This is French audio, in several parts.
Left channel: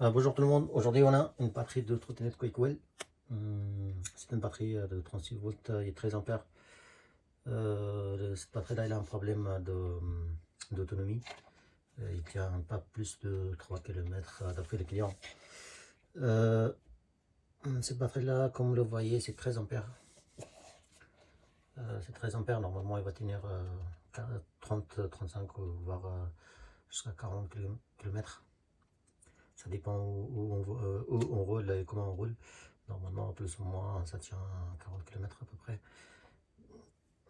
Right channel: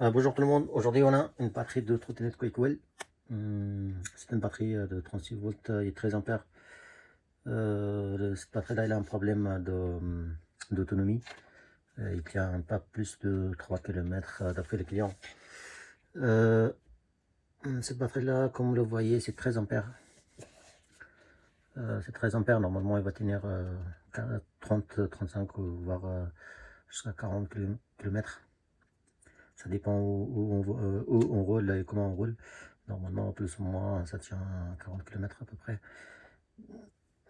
Bonjour tout le monde, aujourd'hui on a une batterie de trottinette Quakewell. C'est une batterie de 36 volts et 13 ampères. Cette batterie là elle a un problème d'autonomie. Il tient pas plus de 3 km d'après les clients. Cette batterie là, comme vous le voyez, c'est 13 ampères. C'est 13 ampères, normalement il va tenir 30, 35 voire jusqu'à 40 km. Ça dépend où on roule et comment on roule. Normalement, plus ou moins, ça tient 40 km à peu près.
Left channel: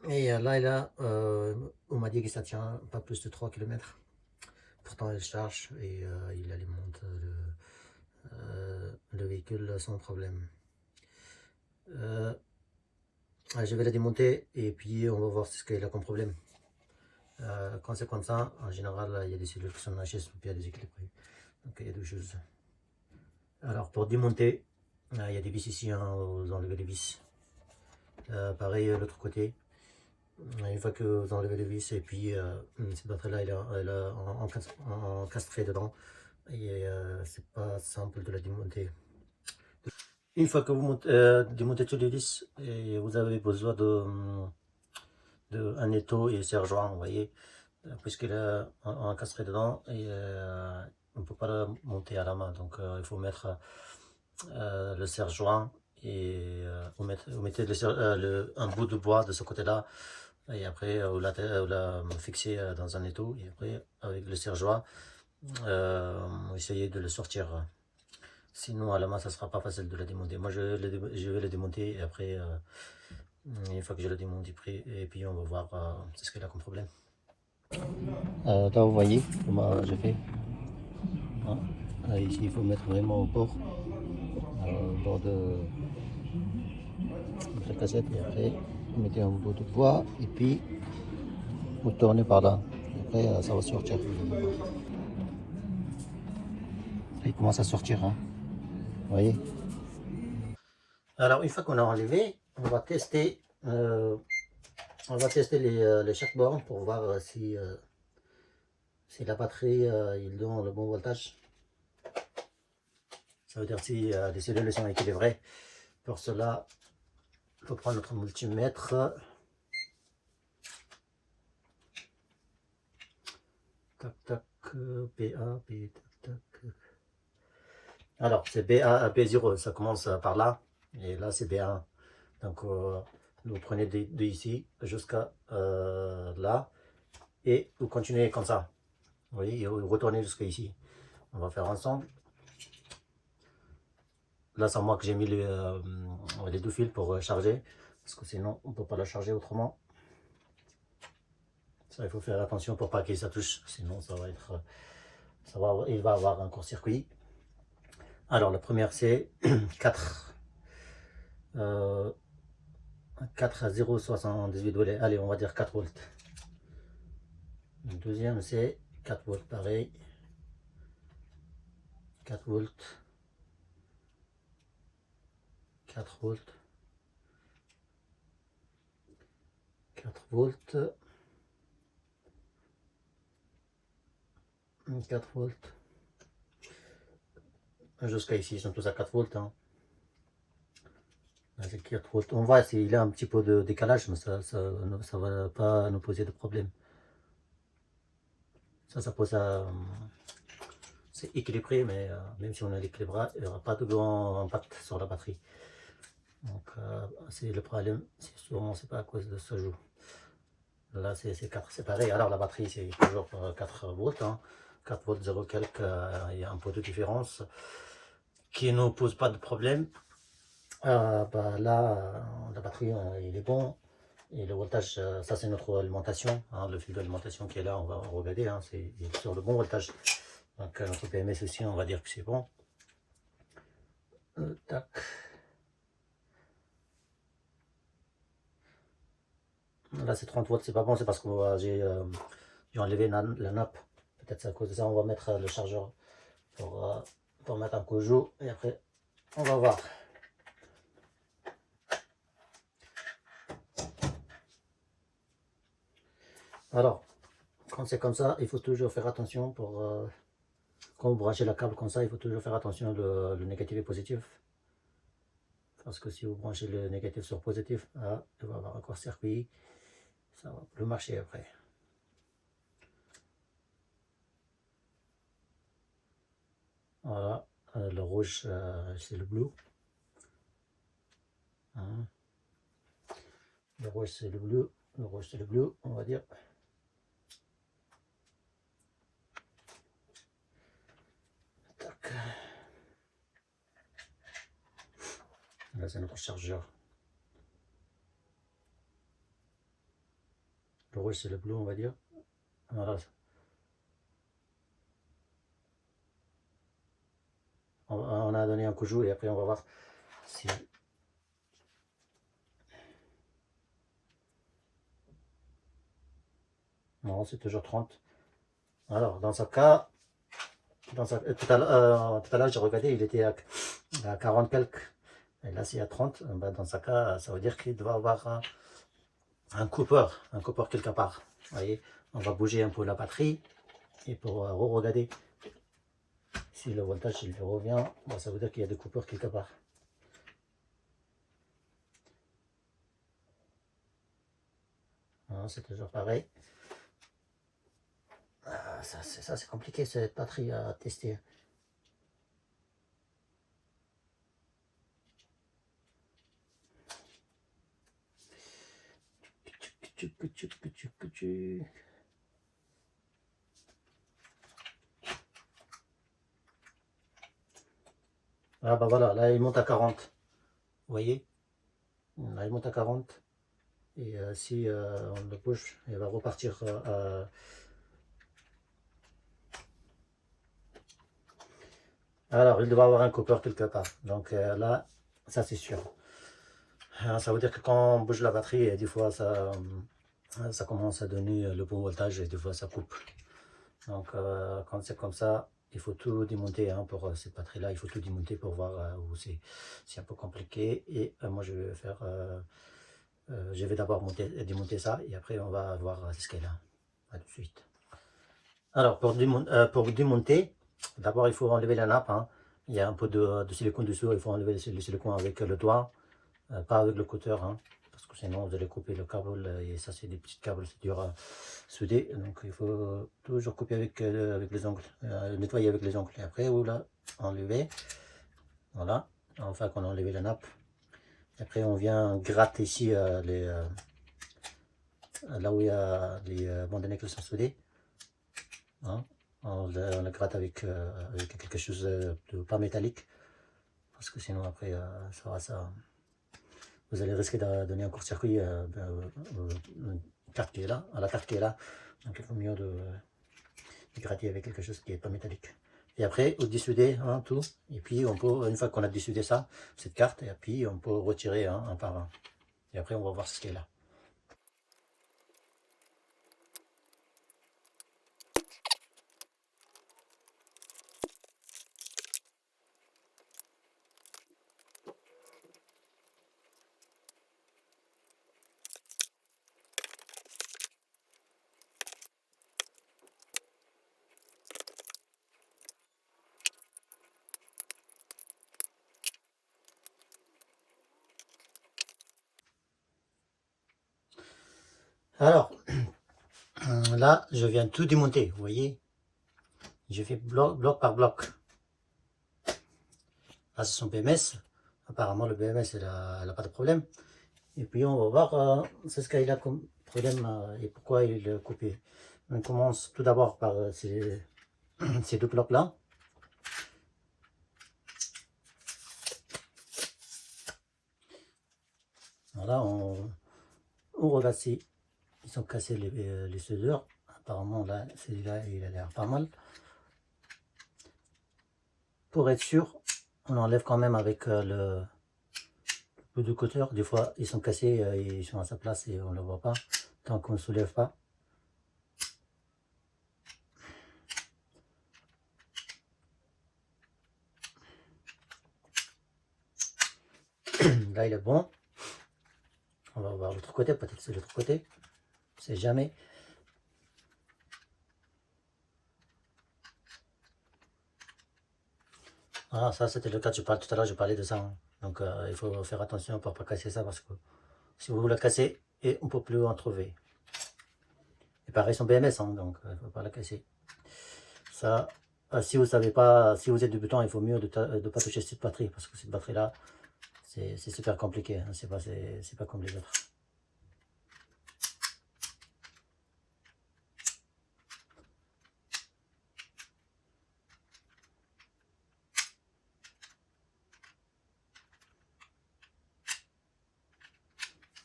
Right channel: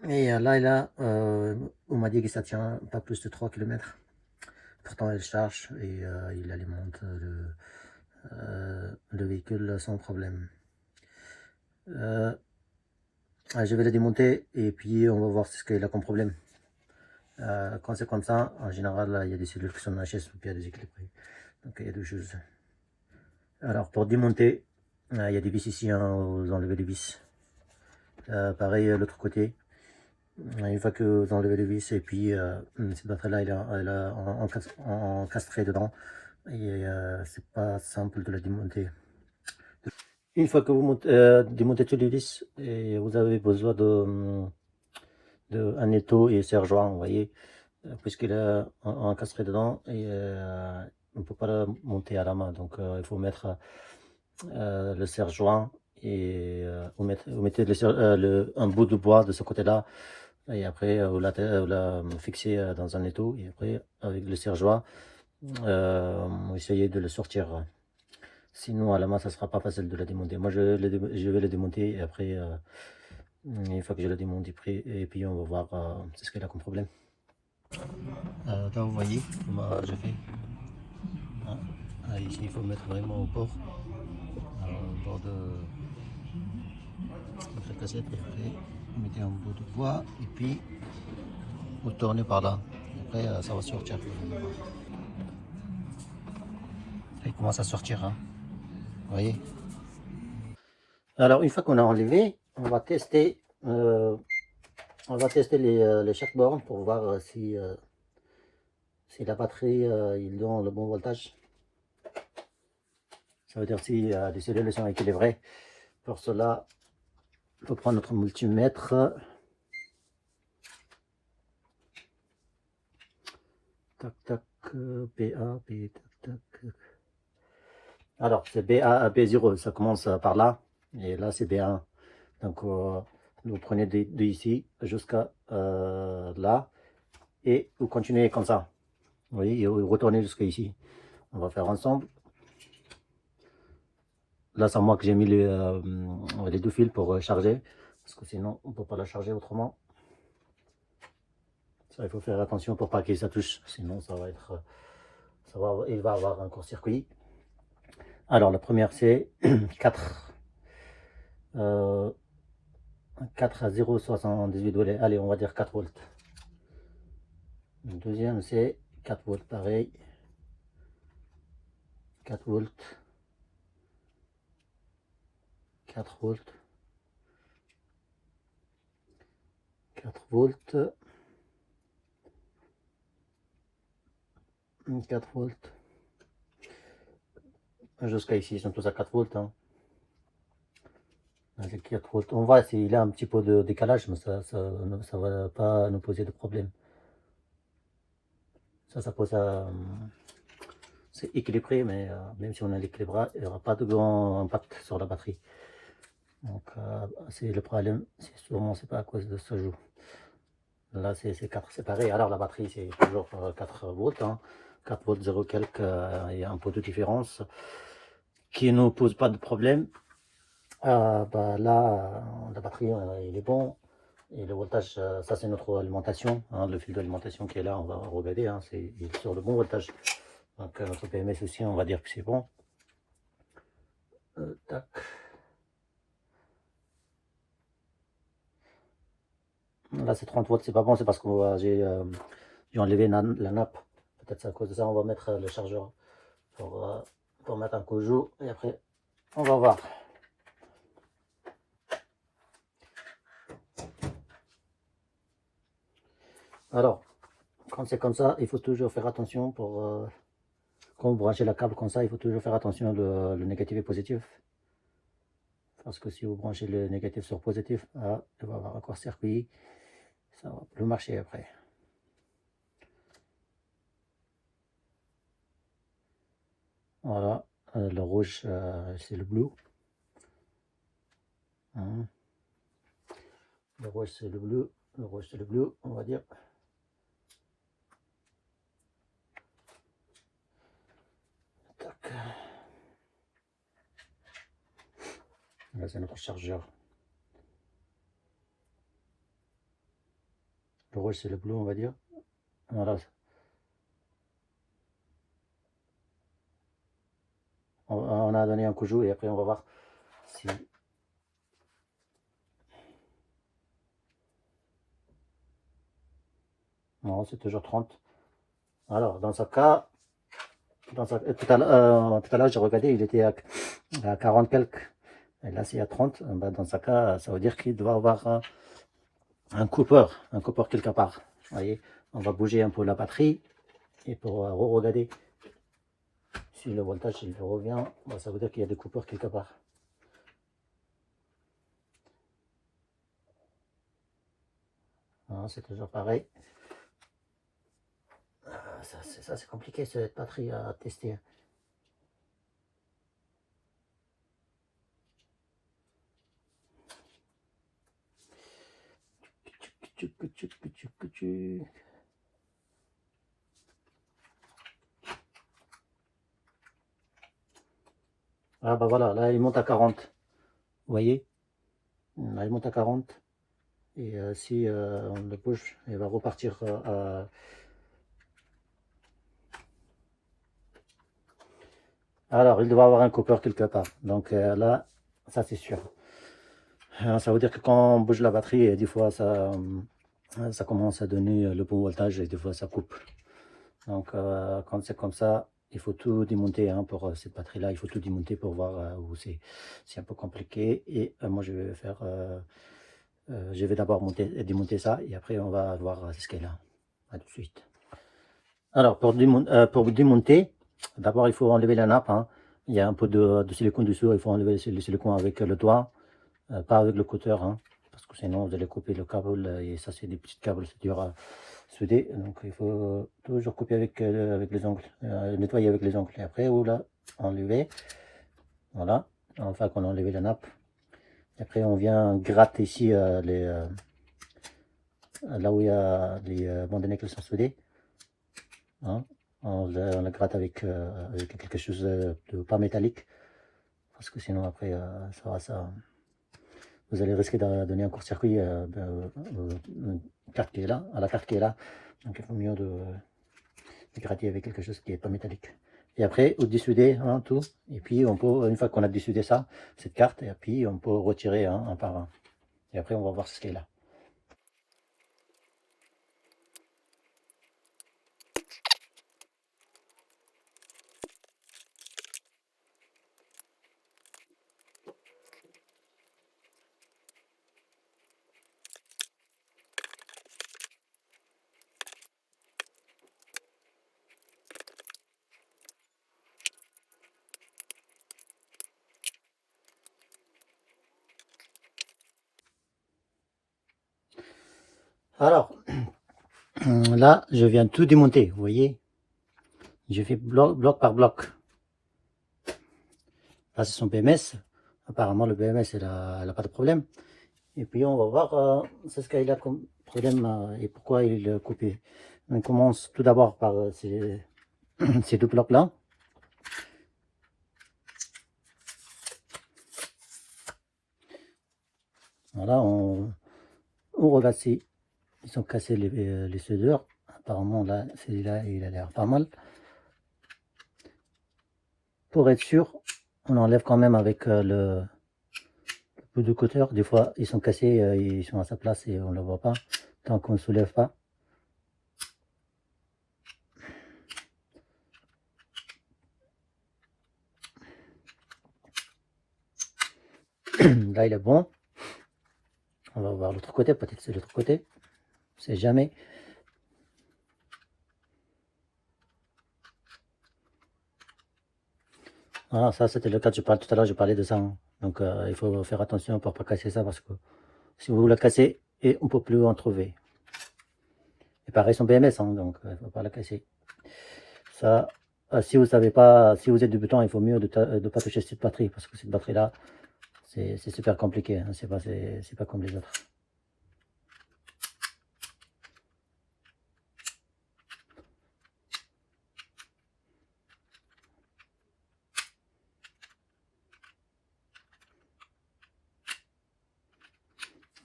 Et là, on m'a dit que ça tient pas plus de 3 km. Pourtant, elle charge et il alimente le véhicule sans problème. Je vais la démonter et puis on va voir ce qu'il a comme problème. Quand c'est comme ça, en général, là, il y a des cellules qui sont HS ou bien déséquilibrées. Donc il y a deux choses. Alors pour démonter, il y a des vis ici, hein, vous enlevez les vis. Pareil l'autre côté. Une fois que vous enlevez les vis et puis cette batterie là elle a encastré dedans et c'est pas simple de la démonter. Une fois que vous démontez tous les vis, et vous avez besoin de un étau et serre-joint, vous voyez, puisqu'il est encastré dedans et on ne peut pas le monter à la main, donc il faut mettre le serre-joint et vous mettez un bout de bois de ce côté-là. Et après, vous la fixez dans un étau. Et après, avec le serre-joint, vous essayez de le sortir. Sinon, à la main, ça sera pas facile de la démonter. Moi, je vais le démonter. Et après, une fois que je le démonte, et puis on va voir ce qu'il a comme problème. Là, vous voyez comment je fais. Hein. Ici, il faut mettre vraiment au bord de la cassette. Et après, vous mettez un bout de bois. Et puis, vous tournez par là. Et après, ça va sortir. Il commence à sortir, hein. Vous voyez. Alors, une fois qu'on a enlevé, on va tester les chaque borne pour voir si la batterie il donne le bon voltage. Ça veut dire si les cellules sont équilibrées. Pour cela, il faut prendre notre multimètre. Tac, tac, BA, B, tac, tac. Alors, c'est BA à B0, ça commence par là, et là c'est B1. Donc, vous prenez de ici jusqu'à là, et vous continuez comme ça. Vous voyez, et vous retournez jusqu'à ici. On va faire ensemble. Là, c'est moi que j'ai mis les deux fils pour charger, parce que sinon, on ne peut pas la charger autrement. Ça, il faut faire attention pour pas que ça touche, sinon ça va être, il va avoir un court-circuit. Alors, la première, c'est 4 à 0,78 volts. Allez, on va dire 4 volts. Le deuxième, c'est 4 volts, pareil. 4 volts. 4 volts. 4 volts. 4 volts. Jusqu'à ici, ils sont tous à 4 volts. Hein. 4 volts. On voit s'il a un petit peu de décalage, mais ça ne va pas nous poser de problème. Ça pose à... c'est équilibré, mais même si on a l'équilibrage, il n'y aura pas de grand impact sur la batterie. Donc, c'est le problème, c'est sûrement c'est pas à cause de ce jour. Là, c'est 4, c'est pareil. Alors, la batterie, c'est toujours 4 volts. Hein. 4 volts 0 quelques, il y a un peu de différence qui ne pose pas de problème. Bah, là, la batterie, il est bon. Et le voltage, ça c'est notre alimentation, hein, le fil d'alimentation qui est là, on va regarder, hein, il est sur le bon voltage. Donc notre PMS aussi, on va dire que c'est bon. Tac. Là c'est 30 volts, c'est pas bon, c'est parce que j'ai enlevé la nappe. Peut-être c'est à cause de ça, on va mettre le chargeur pour mettre un Kojo et après on va voir. Alors, quand c'est comme ça, il faut toujours faire attention pour quand vous branchez la câble comme ça, il faut toujours faire attention le négatif et positif. Parce que si vous branchez le négatif sur positif, il va y avoir un court-circuit, ça va plus marcher après. Voilà, le rouge c'est le bleu. Hein. Le rouge c'est le bleu, le rouge c'est le bleu, on va dire. Tac. Là c'est notre chargeur. Le rouge c'est le bleu, on va dire. Voilà. On a donné un coup de joue et après on va voir si... Non, c'est toujours 30. Alors, dans ce cas, tout à l'heure, j'ai regardé, il était à 40 quelques. Et là, c'est à 30. Ben, dans ce cas, ça veut dire qu'il doit avoir un coupeur quelque part. Vous voyez, on va bouger un peu la batterie et pour regarder si le voltage il revient, ben, ça veut dire qu'il y a des coupeurs quelque part. C'est toujours pareil. Ça c'est compliqué cette batterie à tester. Ah bah voilà, là il monte à 40. Vous voyez? Là il monte à 40. Et si on le bouge, il va repartir Alors, il doit avoir un coupeur quelque part. Donc là, ça c'est sûr. Ça veut dire que quand on bouge la batterie, des fois ça commence à donner le bon voltage et des fois ça coupe. Donc quand c'est comme ça, il faut tout démonter hein, pour cette batterie là, il faut tout démonter pour voir où c'est un peu compliqué. Et moi je vais faire, je vais d'abord démonter ça et après on va voir ce qu'elle a. À tout de suite. Alors pour démonter, d'abord il faut enlever la nappe. Hein. Il y a un peu de silicone dessous, il faut enlever le silicone avec le doigt, pas avec le cutter. Hein, parce que sinon vous allez couper le câble et ça c'est des petits câbles, c'est dur à souder. Donc il faut toujours couper avec les ongles, nettoyer avec les ongles. Et après vous la enlevez. Voilà, enfin qu'on a enlevé la nappe. Après on vient gratter ici là où il y a les bandelettes qui sont soudées. Hein. On la gratte avec quelque chose de pas métallique. Parce que sinon après vous allez risquer de donner un court-circuit à la carte qui est là. Donc il faut mieux de gratter avec quelque chose qui est pas métallique. Et après, vous dissoudez hein, tout. Et puis on peut, une fois qu'on a dissoudé ça, cette carte, et puis on peut retirer hein, un par un. Et après on va voir ce qui est là. Alors, là, je viens tout démonter, vous voyez. Je fais bloc par bloc. Là, c'est son BMS. Apparemment, le BMS, elle a pas de problème. Et puis, on va voir ce qu'il a comme problème et pourquoi il est coupé. On commence tout d'abord par ces deux blocs-là. Voilà, on regarde si ils sont cassés les soudures. Apparemment, là, celui-là, il a l'air pas mal. Pour être sûr, on enlève quand même avec le peu de cutter. Des fois, ils sont cassés, ils sont à sa place et on ne le voit pas tant qu'on ne soulève pas. Là, il est bon. On va voir l'autre côté, peut-être c'est l'autre côté. On sait jamais. Ah, ça, c'était le cas, tout à l'heure, je parlais de ça, hein. Donc, il faut faire attention pour ne pas casser ça parce que si vous la cassez, et on ne peut plus en trouver. Et pareil, son BMS, hein, donc il ne faut pas la casser. Ça, si vous savez pas, si vous êtes débutant, il faut mieux de ne pas toucher cette batterie parce que cette batterie-là, c'est super compliqué, hein, c'est pas comme les autres.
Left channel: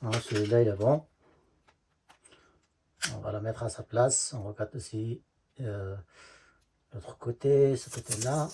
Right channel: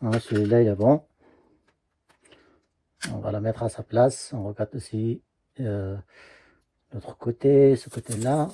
Voilà, celui-là, il est bon. On va la mettre à sa place. On regarde aussi l'autre côté, ce côté-là.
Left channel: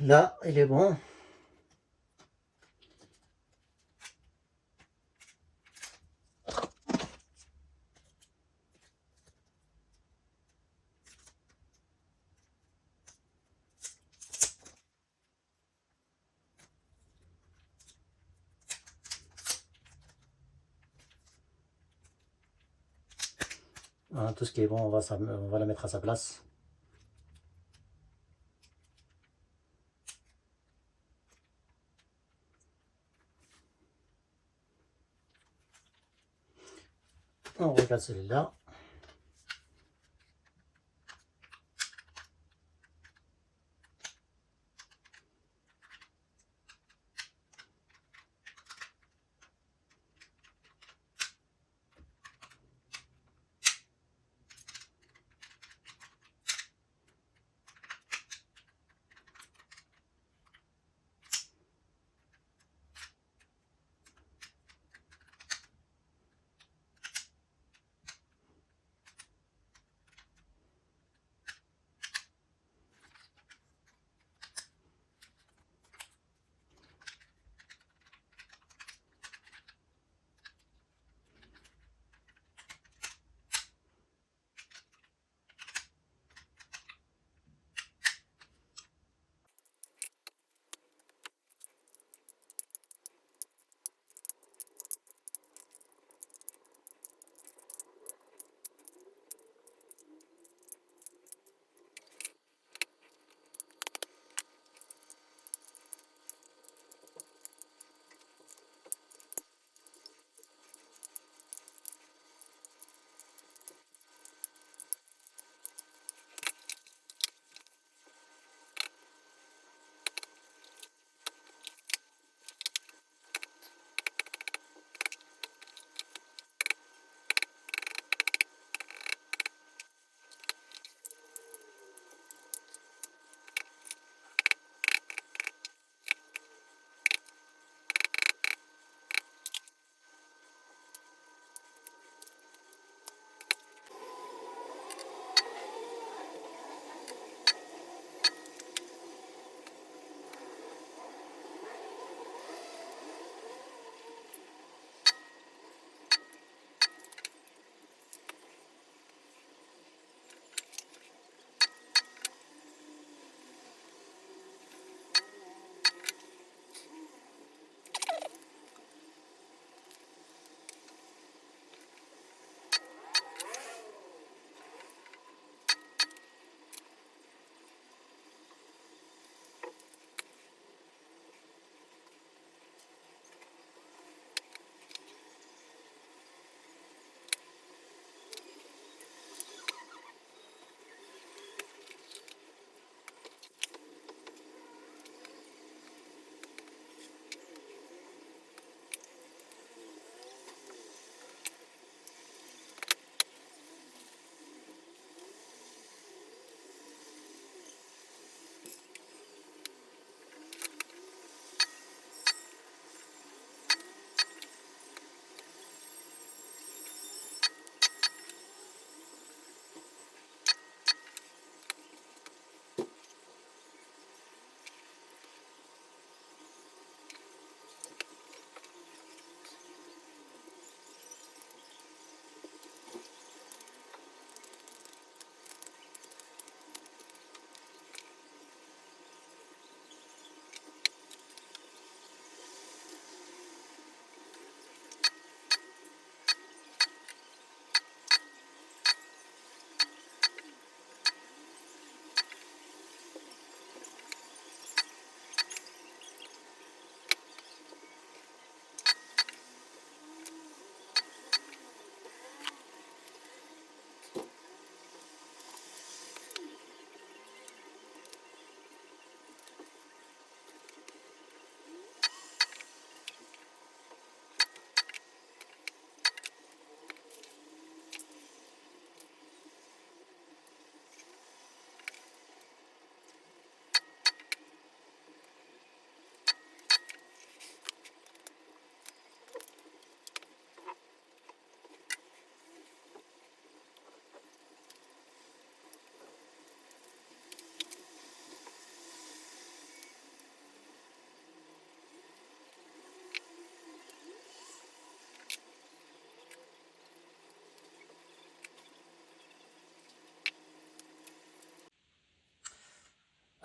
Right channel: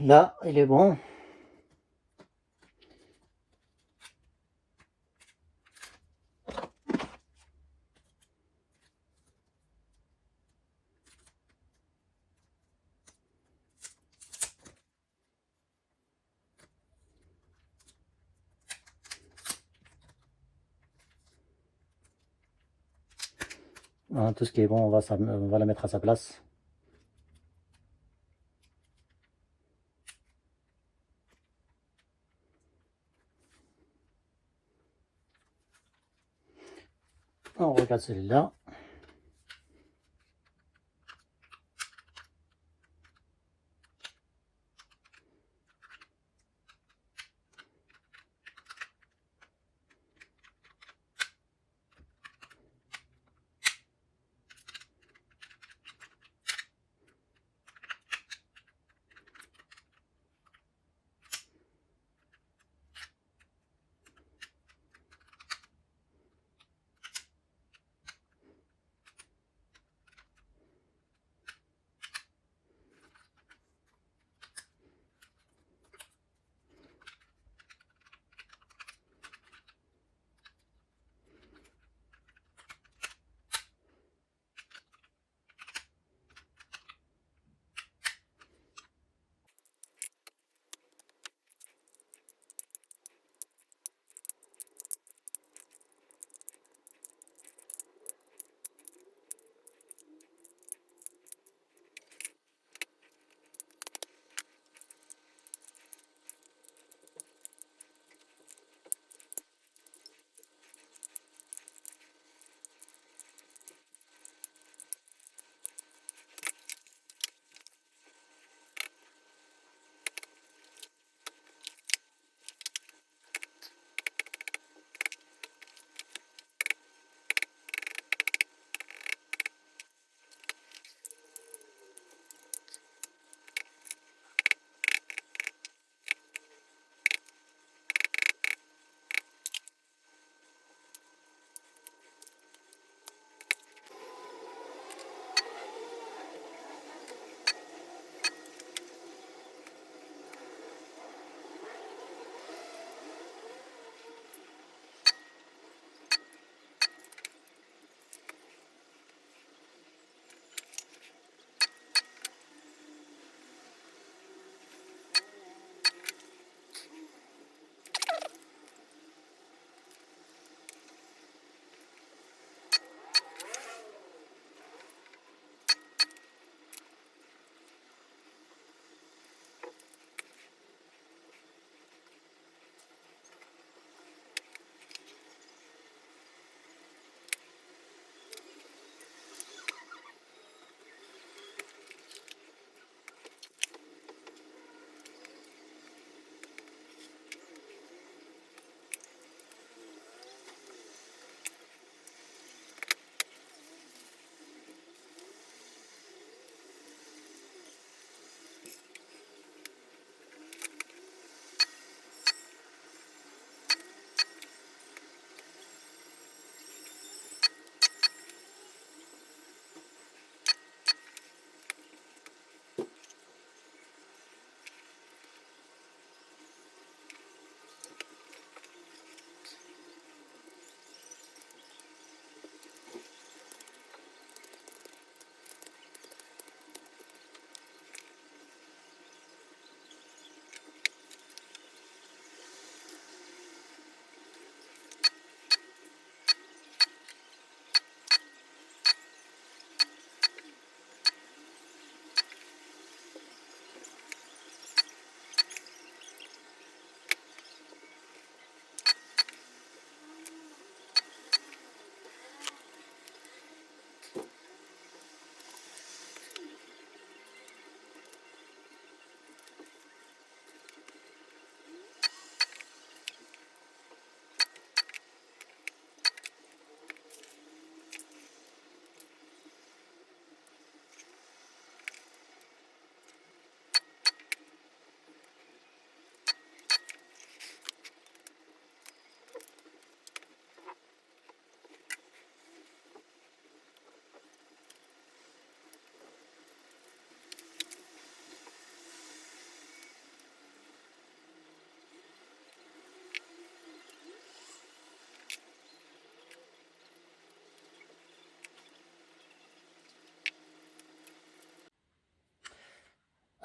Là, il est bon. Voilà, tout ce qui est bon, on va la mettre à sa place. On regarde celui-là.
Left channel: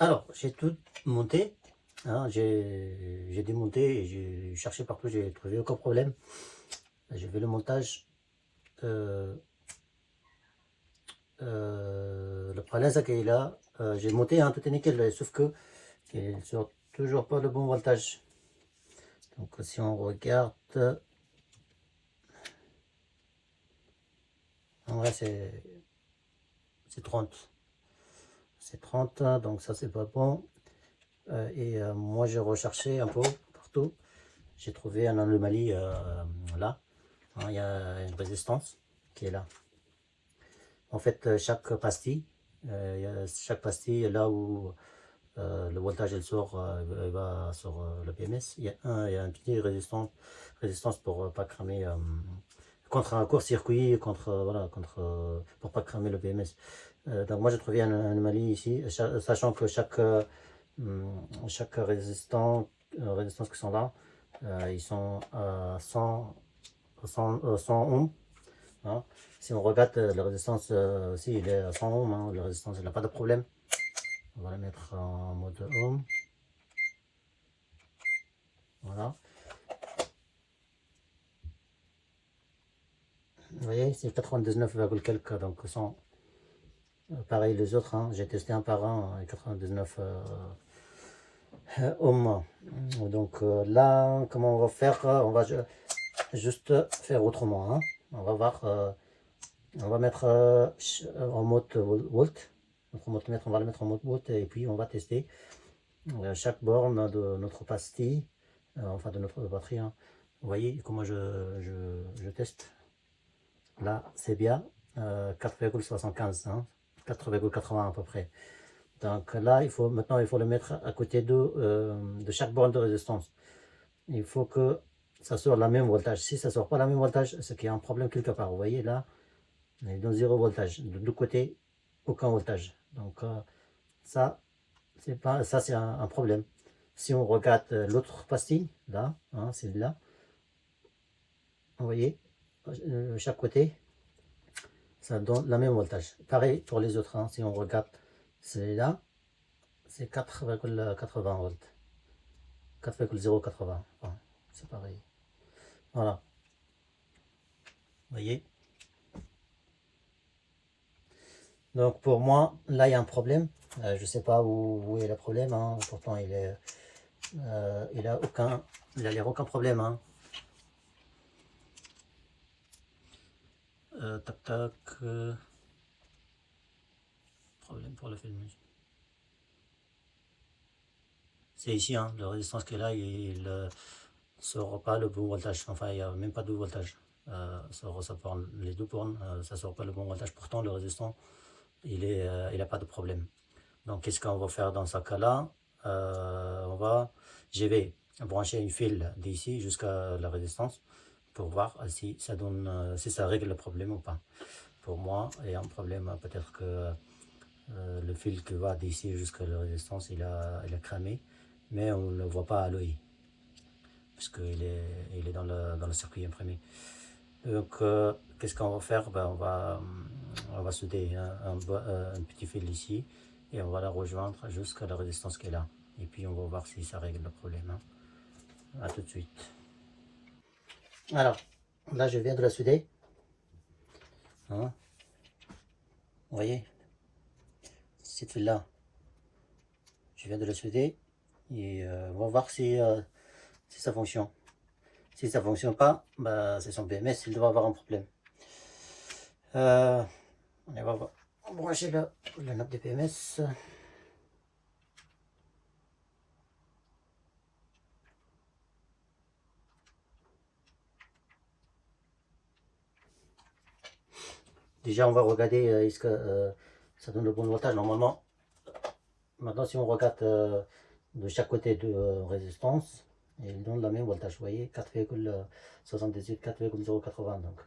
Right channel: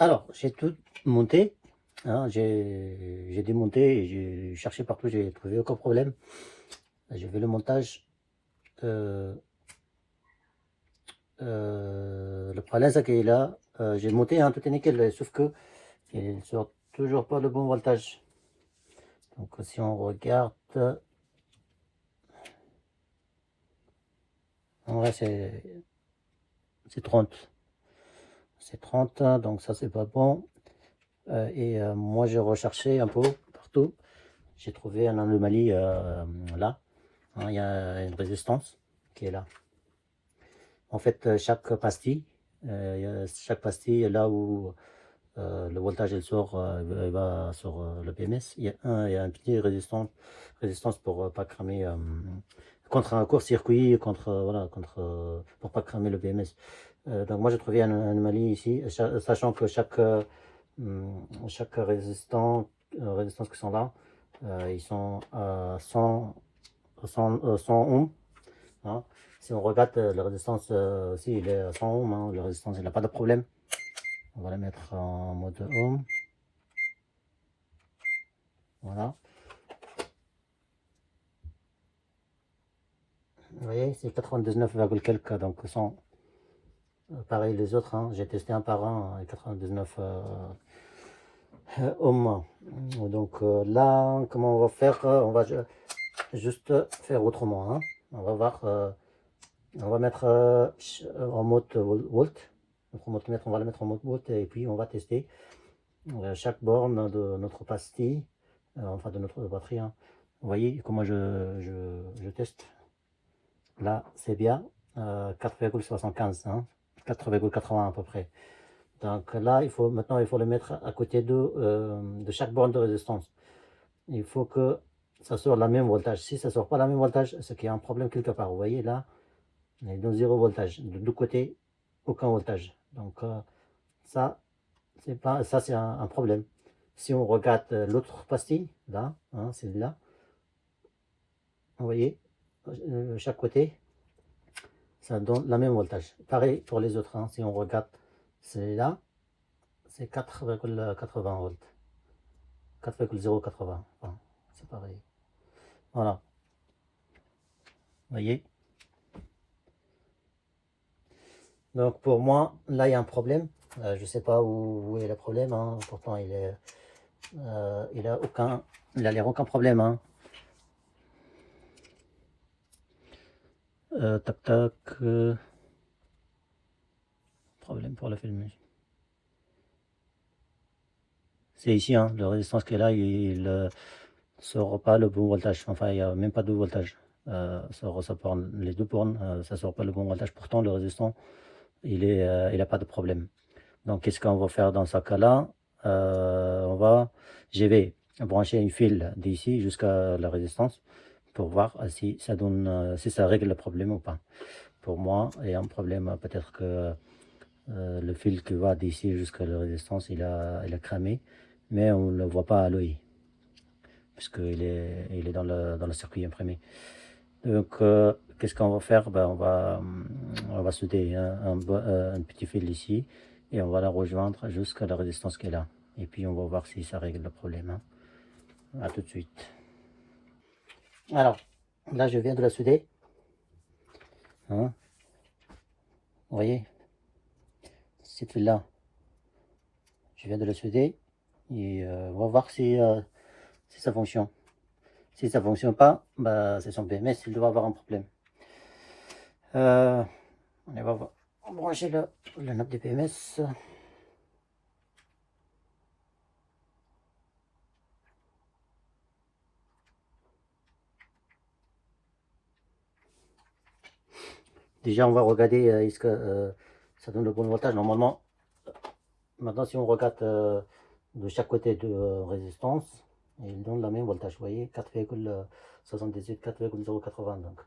Alors, j'ai tout monté, hein, j'ai démonté et j'ai cherché partout, j'ai trouvé aucun problème. J'ai fait le montage. Le problème, c'est que là, j'ai monté, hein, tout est nickel, sauf que il ne sort toujours pas le bon voltage. Donc, si on regarde, en vrai, c'est 30. C'est 30, hein, donc ça, c'est pas bon. Moi, j'ai recherché un peu partout. J'ai trouvé une anomalie là. Hein, il y a une résistance qui est là. En fait, chaque pastille est là où le voltage il sort, il va sur le BMS. Il y a un petit résistance pour pas cramer, contre un court-circuit, voilà, pour pas cramer le BMS. Donc moi j'ai trouvé une anomalie ici, sachant que chaque résistance qui sont là, ils sont à 100 ohms. Hein. Si on regarde la résistance aussi, il est à 100 ohms. Hein. La résistance, il n'a pas de problème. On va la mettre en mode ohm. Voilà. Vous voyez, c'est 99, quelques, donc 100. Pareil les autres, hein. J'ai testé un par un, 99 ohms. Donc là, comment on va faire? On va juste faire autrement. Hein. On va voir. On va mettre en mode volt. Notre voltmètre, on va le mettre en mode volt et puis on va tester chaque borne de notre pastille, enfin de notre batterie. Hein. Vous voyez comment je teste. Là, c'est bien 4,75, hein, 4,80 à peu près. Donc là, maintenant, il faut le mettre à côté de chaque borne de résistance. Il faut que ça sorte la même voltage. Si ça ne sort pas la même voltage, c'est qu'il y a un problème quelque part. Vous voyez là, on est dans 0 voltage. De deux côtés, aucun voltage. Donc ça, c'est un problème. Si on regarde l'autre pastille, là, hein, c'est là, vous voyez, chaque côté, ça donne la même voltage. Pareil pour les autres, hein, si on regarde celui-là, c'est 4,80 volts. 4,080, enfin, c'est pareil. Voilà, vous voyez. Donc pour moi, là il y a un problème. Je ne sais pas où est le problème, hein. Pourtant il a l'air aucun problème. Hein. Tac tac. Problème pour le film. C'est ici, hein, la résistance qui est là, il ne sort pas le bon voltage. Enfin, il n'y a même pas de voltage. Ça porne, les deux bornes, ça ne sort pas le bon voltage. Pourtant, le résistant, il n'a pas de problème. Donc, qu'est-ce qu'on va faire dans ce cas-là? Je vais brancher une fil d'ici jusqu'à la résistance pour voir si ça donne, si ça règle le problème ou pas. Pour moi, il y a un problème, peut-être que le fil qui va d'ici jusqu'à la résistance, il a cramé, mais on ne le voit pas à l'œil, puisqu'il est dans le circuit imprimé. Donc, qu'est-ce qu'on va faire? Ben, on va souder un petit fil ici, et on va la rejoindre jusqu'à la résistance qui est là. Et puis, on va voir si ça règle le problème. Hein. A tout de suite. Alors, là, je viens de la souder. Hein. Vous voyez? Cette fil-là, je viens de la souder. Et on va voir si ça fonctionne. Si ça ne fonctionne pas, bah, c'est son BMS, il doit avoir un problème. On va brancher le knob de BMS. Déjà, on va regarder est-ce que ça donne le bon voltage. Normalement, maintenant, si on regarde de chaque côté de résistance, il donne le même voltage. Vous voyez, 4,78, 4,080. Donc,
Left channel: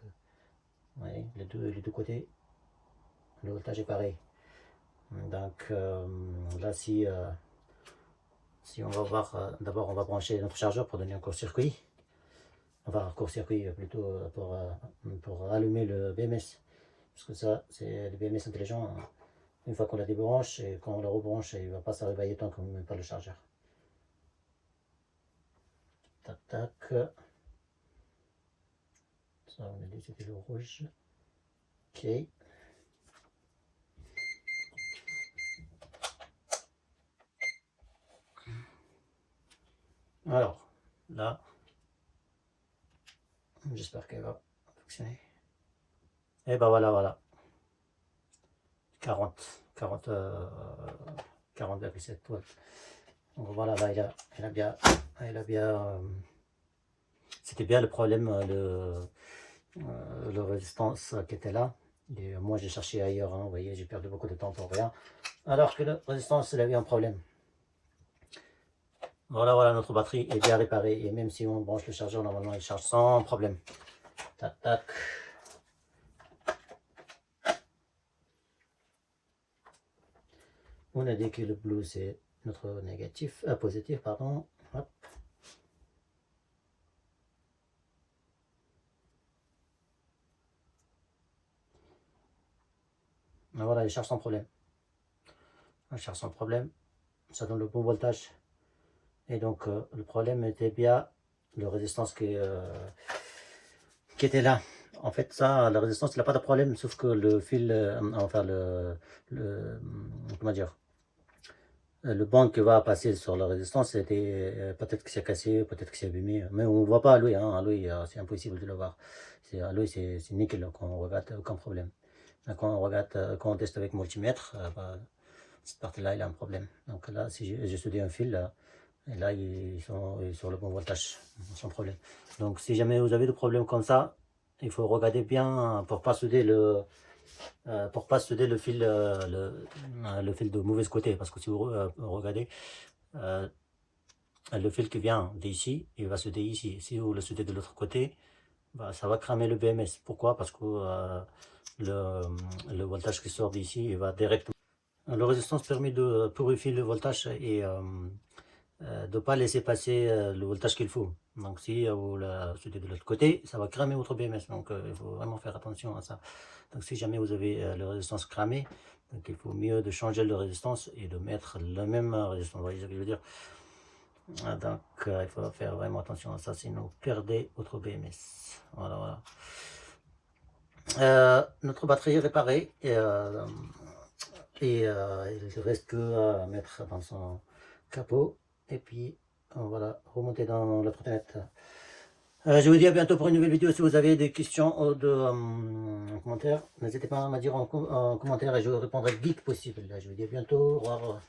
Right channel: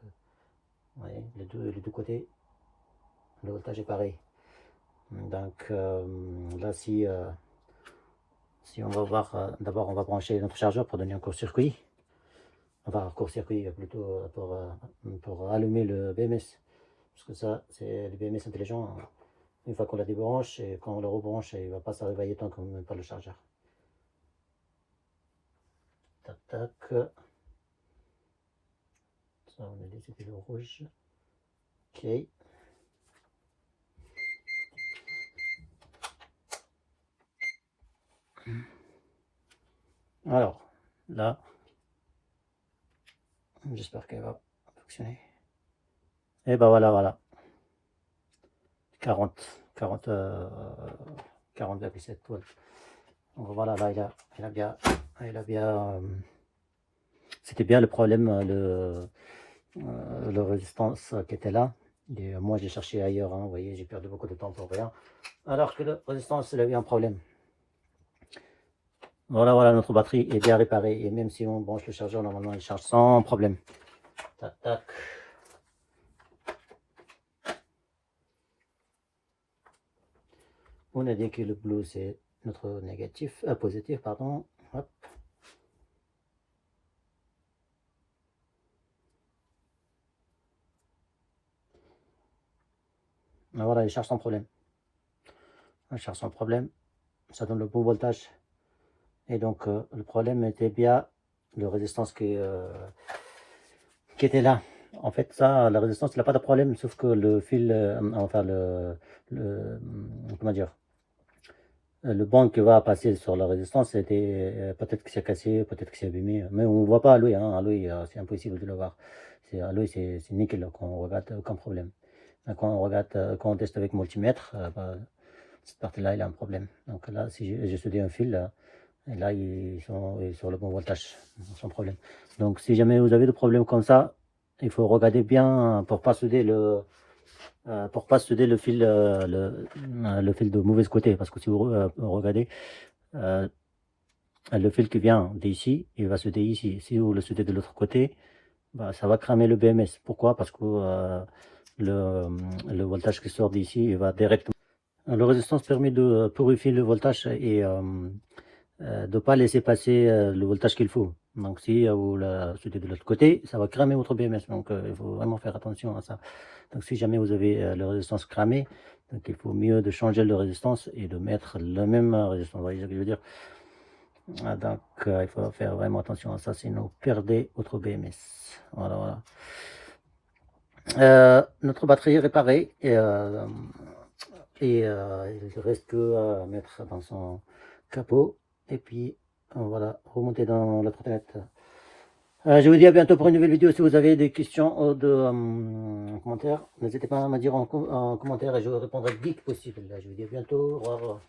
vous voyez, les deux côtés, le voltage est pareil. Donc, là, si on va voir, d'abord, on va brancher notre chargeur pour donner un court-circuit. Enfin, court-circuit plutôt pour allumer le BMS. Parce que ça, c'est le BMS intelligent. Une fois qu'on la débranche, et quand on la rebranche, il ne va pas se réveiller tant qu'on ne met pas le chargeur. Tac, tac. Ça, on a décidé le rouge. Ok. Alors, là, j'espère qu'elle va fonctionner. Et ben voilà. 40,7 volts. Donc voilà, là, il a bien c'était bien le problème, le résistance qui était là. Et moi, j'ai cherché ailleurs, hein, vous voyez, j'ai perdu beaucoup de temps pour rien. Alors que la résistance, il a eu un problème. Voilà, notre batterie est bien réparée. Et même si on branche le chargeur, normalement, il charge sans problème. Tac, tac. On a dit que le bleu, c'est notre négatif, positif, pardon. Hop. Voilà, il charge sans problème. Il charge sans problème. Ça donne le bon voltage. Et donc, le problème était bien la résistance qui était là. En fait, ça, la résistance, il n'a pas de problème, sauf que le fil, enfin, comment dire, le banc qui va passer sur la résistance, c'était peut-être que c'est cassé, peut-être que c'est abîmé, mais on ne voit pas à l'œil, hein. À l'œil, c'est impossible de le voir. À l'œil, c'est nickel, quand on regarde, aucun problème. Mais quand on regarde, quand on teste avec multimètre, cette partie-là, il y a un problème. Donc là, si j'ai soudé un fil, et là, ils sont sur le bon voltage, sans problème. Donc, si jamais vous avez des problèmes comme ça, il faut regarder bien pour pas souder le fil, le fil de mauvais côté. Parce que si vous regardez, le fil qui vient d'ici, il va souder ici. Si vous le soudez de l'autre côté, bah, ça va cramer le BMS. Pourquoi? Parce que le voltage qui sort d'ici, il va directement. La résistance permet de purifier le voltage et de ne pas laisser passer le voltage qu'il faut. Donc si vous la soudez de l'autre côté, ça va cramer votre BMS. Donc il faut vraiment faire attention à ça. Donc si jamais vous avez la résistance cramée, donc il faut mieux de changer de résistance et de mettre la même résistance. Vous voyez ce que je veux dire? Donc il faut faire vraiment attention à ça, sinon vous perdez votre BMS. Voilà. Notre batterie est réparée et il ne reste que à mettre dans son capot. Et puis, voilà, remonter dans la trottinette. Je vous dis à bientôt pour une nouvelle vidéo. Si vous avez des questions ou de commentaires, n'hésitez pas à me dire en commentaire et je répondrai dès que possible. Je vous dis à bientôt. Au revoir.